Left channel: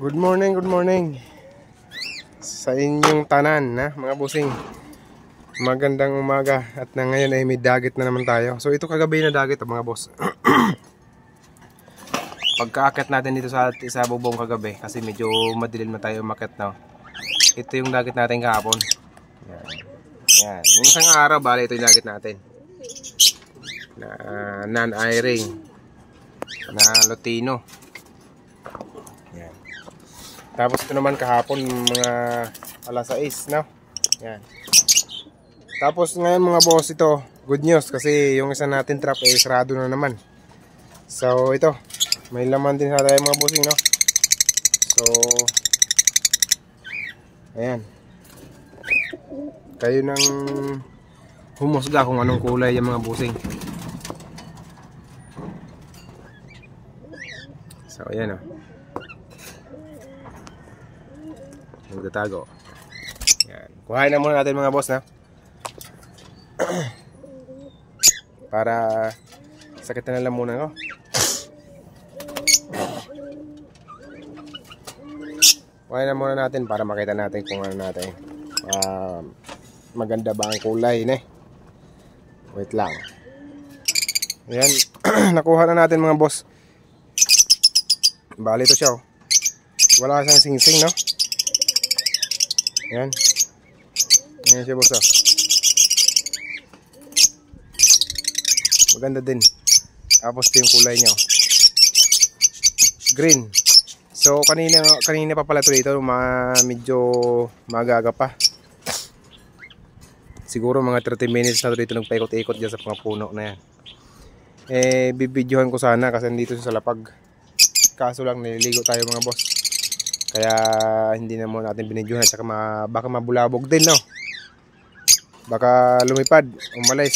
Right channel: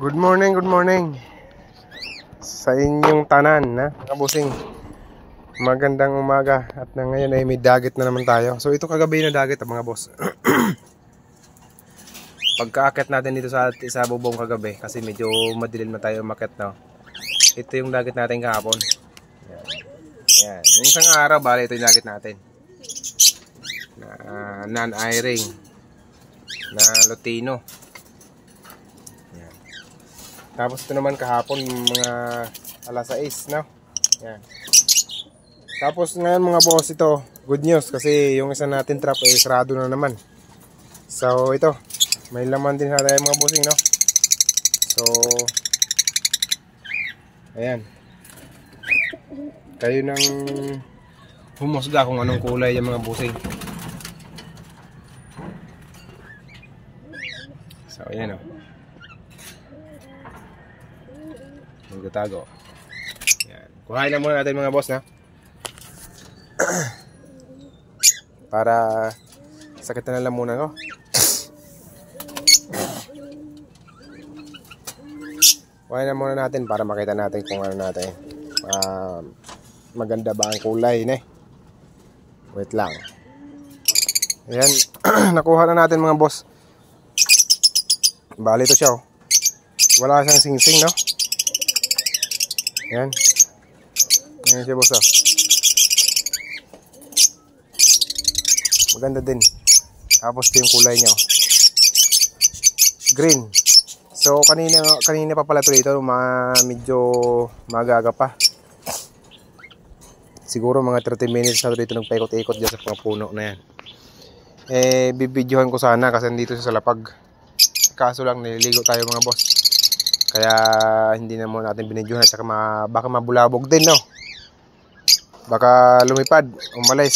Good morning sa inyong tanan, mga busing. Magandang umaga at ngayon ay may dagat na naman tayo. So ito kagabi na dagat, mga boss. Pagkaakit natin dito sa bubong kagabi kasi medyo madilim na tayo umakyat, no. Ito yung dagat natin kahapon. Yan. Yung isang araw, bali ito yung dagat natin. Na non-airing na Lutino. Yan. Tapos ito naman kahapon mga alas 6, no? Yan. Tapos ngayon mga boss, ito good news kasi yung isa natin trap ay sarado na naman. So ito, may laman din sa tayo mga bossing, no? So ayan, kayo nang humusga kung anong kulay yung mga bossing. So ayan, oh, magtatago. Yan. Kuhain na muna natin mga boss, na para sakit na lang muna, no? Kuhain na muna natin para makita natin kung ano natin, maganda ba ang kulay, ne? Wait lang. Ayan. Nakuha na natin mga boss. Bali ito siya, oh. Wala siyang singsing, no? Ayan. Ayan siya boss, oh. Maganda din. Tapos ito yung kulay niya, oh. Green. So kanina pa pala ito dito, medyo magaga pa. Siguro mga 30 minutes na dito nagpaikot-ikot dyan sa mga puno na yan. Bibidyohan ko sana kasi dito sa lapag. Kaso lang nililigo tayo mga boss. Kaya hindi na muna natin binidyohan. At saka baka mabulabog din, no? Baka lumipad, umalis.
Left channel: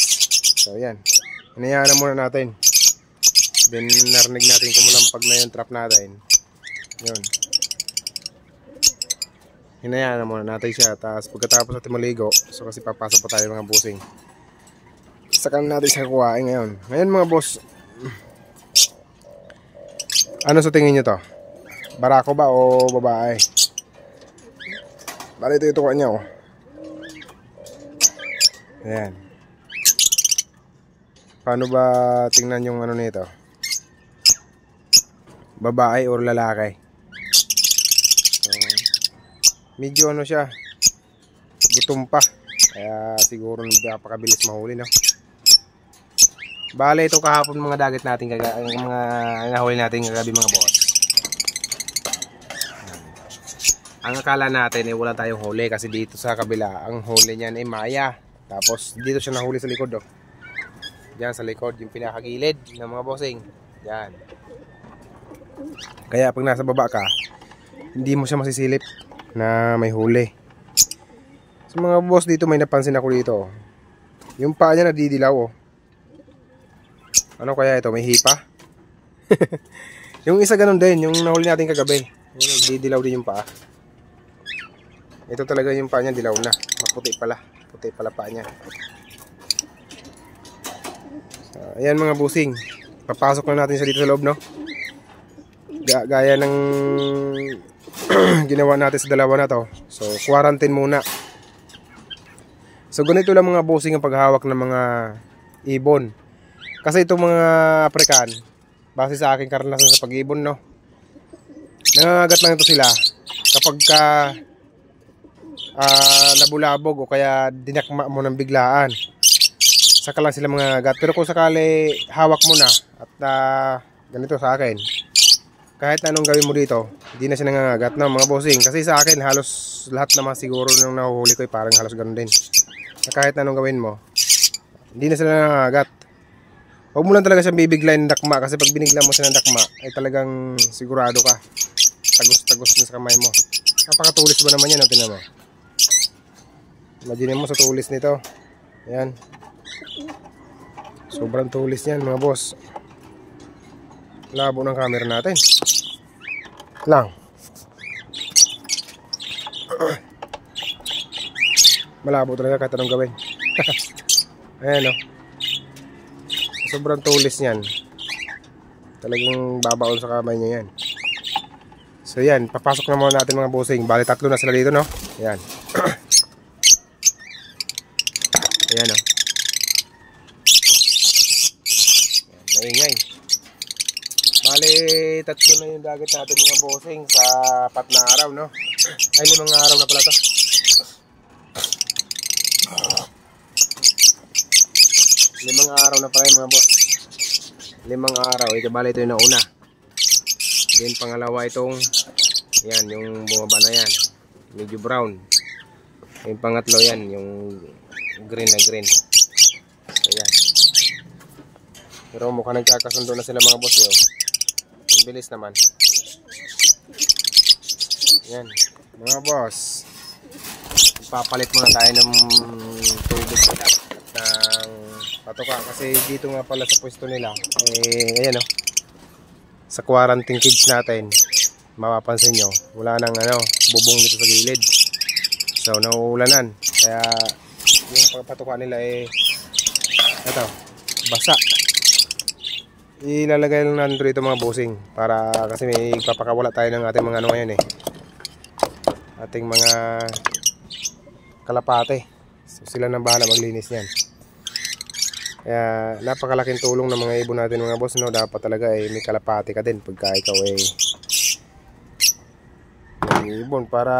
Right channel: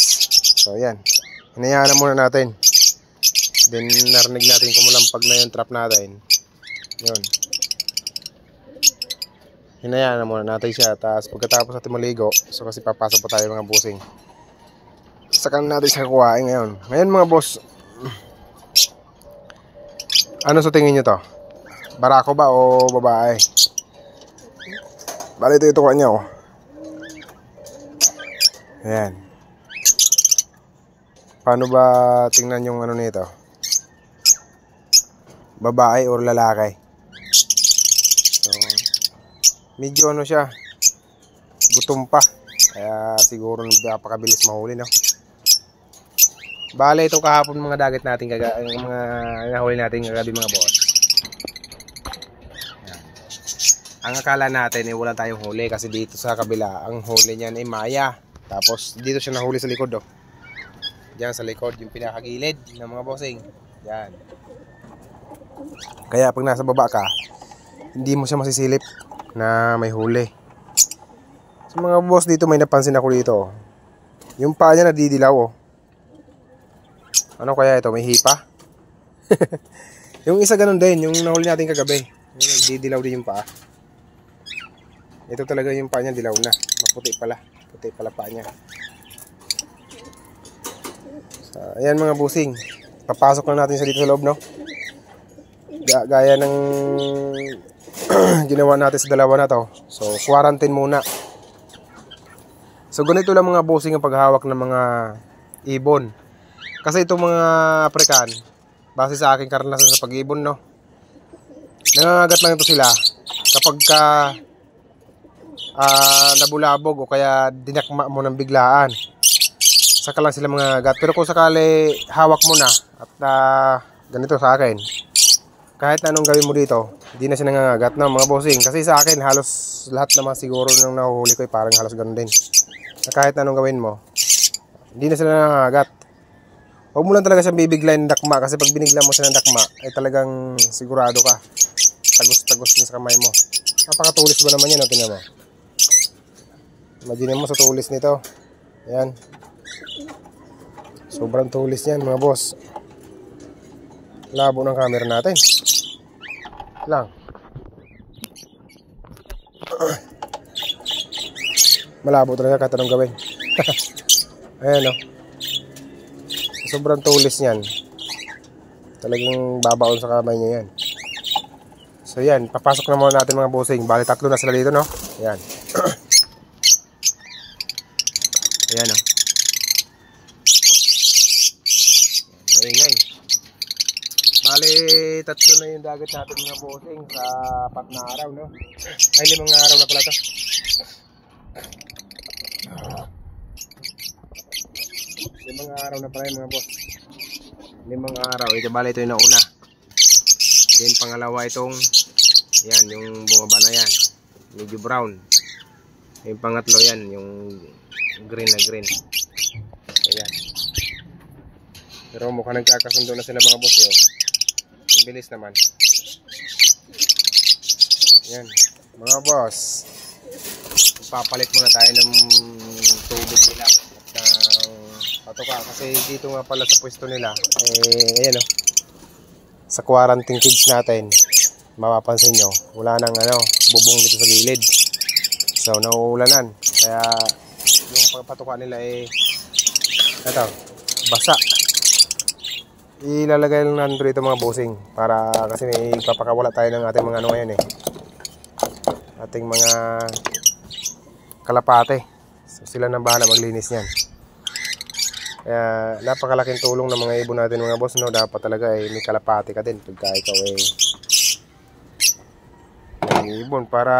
So ayan, hinayaan na muna natin. Then narinig natin kumulampag na yung trap natin. Yun, hinayaan na muna natin siya. Tapos pagkatapos natin maligo, so kasi papasok pa tayo mga bossing, saka natin siya kuhain ngayon. Ngayon mga boss, ano sa tingin nyo to? Barako ba o babae? Bali ito itukuan niya, oh. Ayan. Paano ba tingnan yung ano nito? Babae or lalaki? So, medyo ano siya, gutom pa. Kaya siguro napakabilis mahuli, no? Bale, ito kahapon mga dagat natin, mga nahuli natin kagabi mga boss. Ayan. Ang akala natin ay wala tayong huli kasi dito sa kabila ang huli niyan ay maya. Tapos dito siya nahuli sa likod, oh. Diyan sa likod, yung pinakagilid ng mga bossing. Yan. Kaya pag nasa baba ka, hindi mo siya masisilip na may huli. So mga boss, dito may napansin ako dito, oh. Yung paa niya nadidilaw, oh. Ano kaya ito? May hipa? Yung isa ganun din, yung nahuli natin kagabi. Nagdidilaw din yung paa. Ito talaga yung paa niya, dilaw na. Maputi pala. Puti pala paa niya. So, ayan mga busing. Papasok na natin siya dito sa loob, no? Gaya ng ginawa natin sa dalawa na to. So, quarantine muna. So, ganito lang mga busing ang paghawak ng mga ibon. Kasi itong mga African, base sa aking karanasan sa pag-ibon, no, nangangagat lang ito sila kapag ka nabulabog o kaya dinakma mo ng biglaan, saka lang sila mangangagat. Pero kung sakali hawak mo na at ganito sa akin, kahit na anong gawin mo dito, hindi na siya nangangagat, no, mga bossing. Kasi sa akin halos lahat naman siguro nung nahuhuli ko ay parang halos ganun din, na kahit na anong gawin mo, hindi na sila nangangagat. Huwag mo lang talaga siyang bibiglayin ng dakma, kasi pag binigla mo siya ng dakma ay talagang sigurado ka tagos-tagos din sa kamay mo. Napakatulis ba naman yan, no? Tingnan mo. Imagine mo sa tulis nito. Ayan, sobrang tulis yan mga boss. Labo ng camera natin lang. Malabo talaga kahit anong gawin. Ayan, no? Sobrang tulis niyan. Talagang babaon sa kamay niya yan. So So yan, papasok na muna natin mga bossing. Bali 3 na sila dito, no? Ayan. Ayan, no? Ayan, maingay. Bali 3 na yung dagat natin mga bossing sa 4 na araw, no? Ay 5 na araw na pala to. 5 araw na pala yung mga boss. 5 araw. Ito bali ito yung nauna. Then pangalawa itong yan, yung bumaba na yan. Medyo brown. Yung pangatlo yan, yung green na green. Ayan. Pero mukhang nagkakasundo na sila mga boss yo. Ang bilis naman. Yan. Mga boss. Papalit muna tayo ng tubig nila at ng patuka. Kasi dito nga pala sa pwesto nila. Ayan o. Sa quarantine kids natin, mapapansin nyo, wala nang bubong dito sa gilid. So, nauulanan. Kaya, yung patuka nila ito, basa. Ilalagay lang natin dito mga bossing. Para, kasi may papakawala tayo ng ating mga ngayon ating mga kalapate. So, sila nang bahala maglinis niyan. Kaya napakalaking tulong ng mga ibon natin mga boss, no? Dapat talaga may kalapati ka din pagka ikaw may ibon para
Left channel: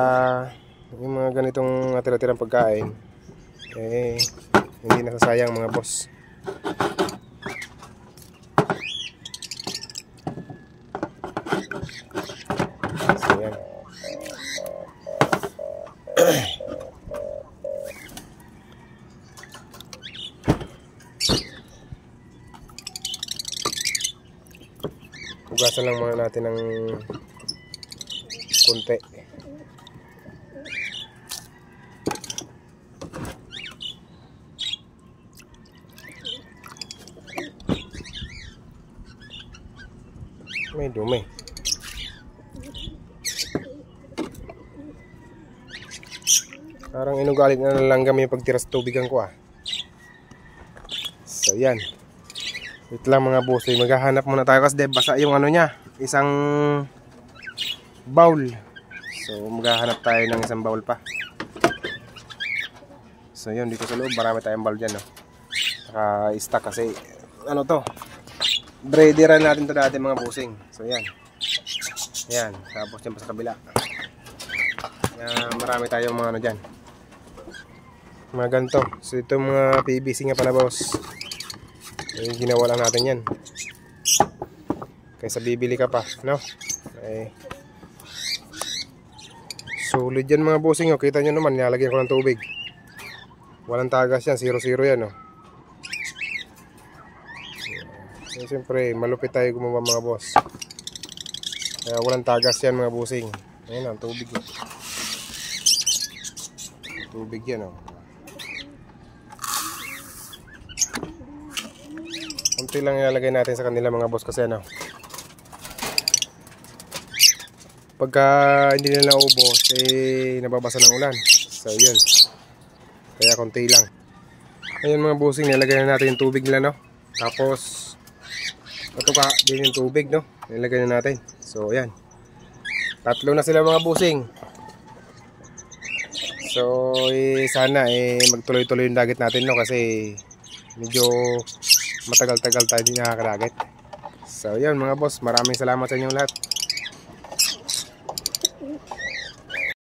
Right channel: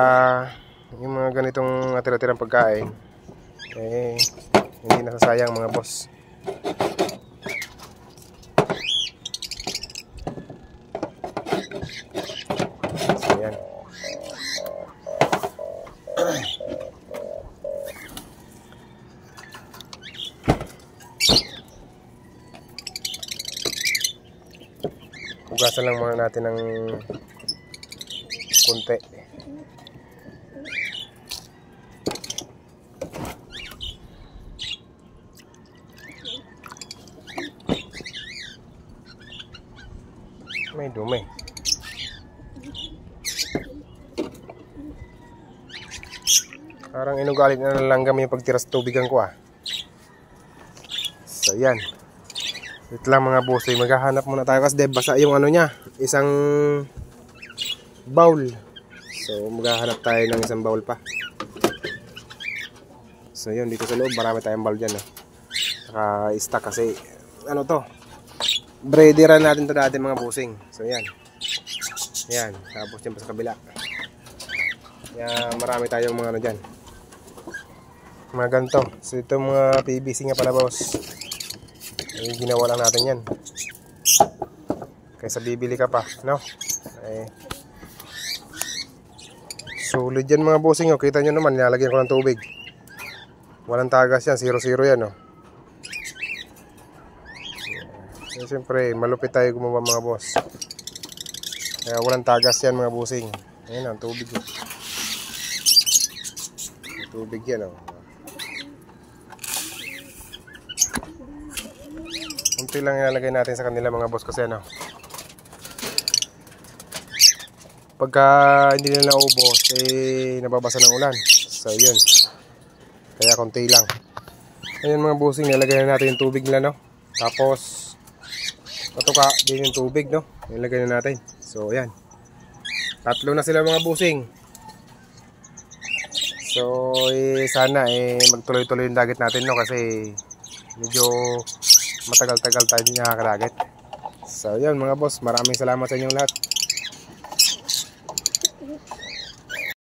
yung mga ganitong natira-tirang pagkain hindi nasasayang mga boss. So yan. Hugasan lang muna natin ng kunti. May dumi. Parang inugalit na nalanggam yung pagtiras tubigan ko So yan. Ito lang mga boss, maghahanap muna tayo kasi basa yung niya, isang bowl. So maghahanap tayo ng isang bowl pa. So yun, dito sa loob marami tayong bowl dyan, no? Naka-stack kasi to, breederan natin to dati mga bossing. So yan. Yan, tapos yan pa sa kabila. Yan, marami tayong mga dyan, mga ganito. So ito mga PVC nga pala boss, ginawa lang natin yan kaysa bibili ka pa, no? Solid yan mga bossing, kita nyo naman, nilalagyan ko ng tubig, walang tagas yan, 0-0 yan, no? Siyempre malupit tayo gumawa mga boss, kaya walang tagas yan mga bossing. Ayan ang tubig, tubig yan, Kunti lang ilalagay natin sa kanila mga boss kasi pagka hindi nila naubos nababasa ng ulan. So yun, kaya kunti lang. Ayun mga bossing, nilagay na natin yung tubig nila, no? Tapos natuka din yung tubig, no? Nilagay na natin. So ayan, 3 na sila mga bossing. So sana magtuloy-tuloy yung dagat natin, no? Kasi medyo matagal-tagal tayo din nakakadagat. So yun mga boss, maraming salamat sa inyong lahat.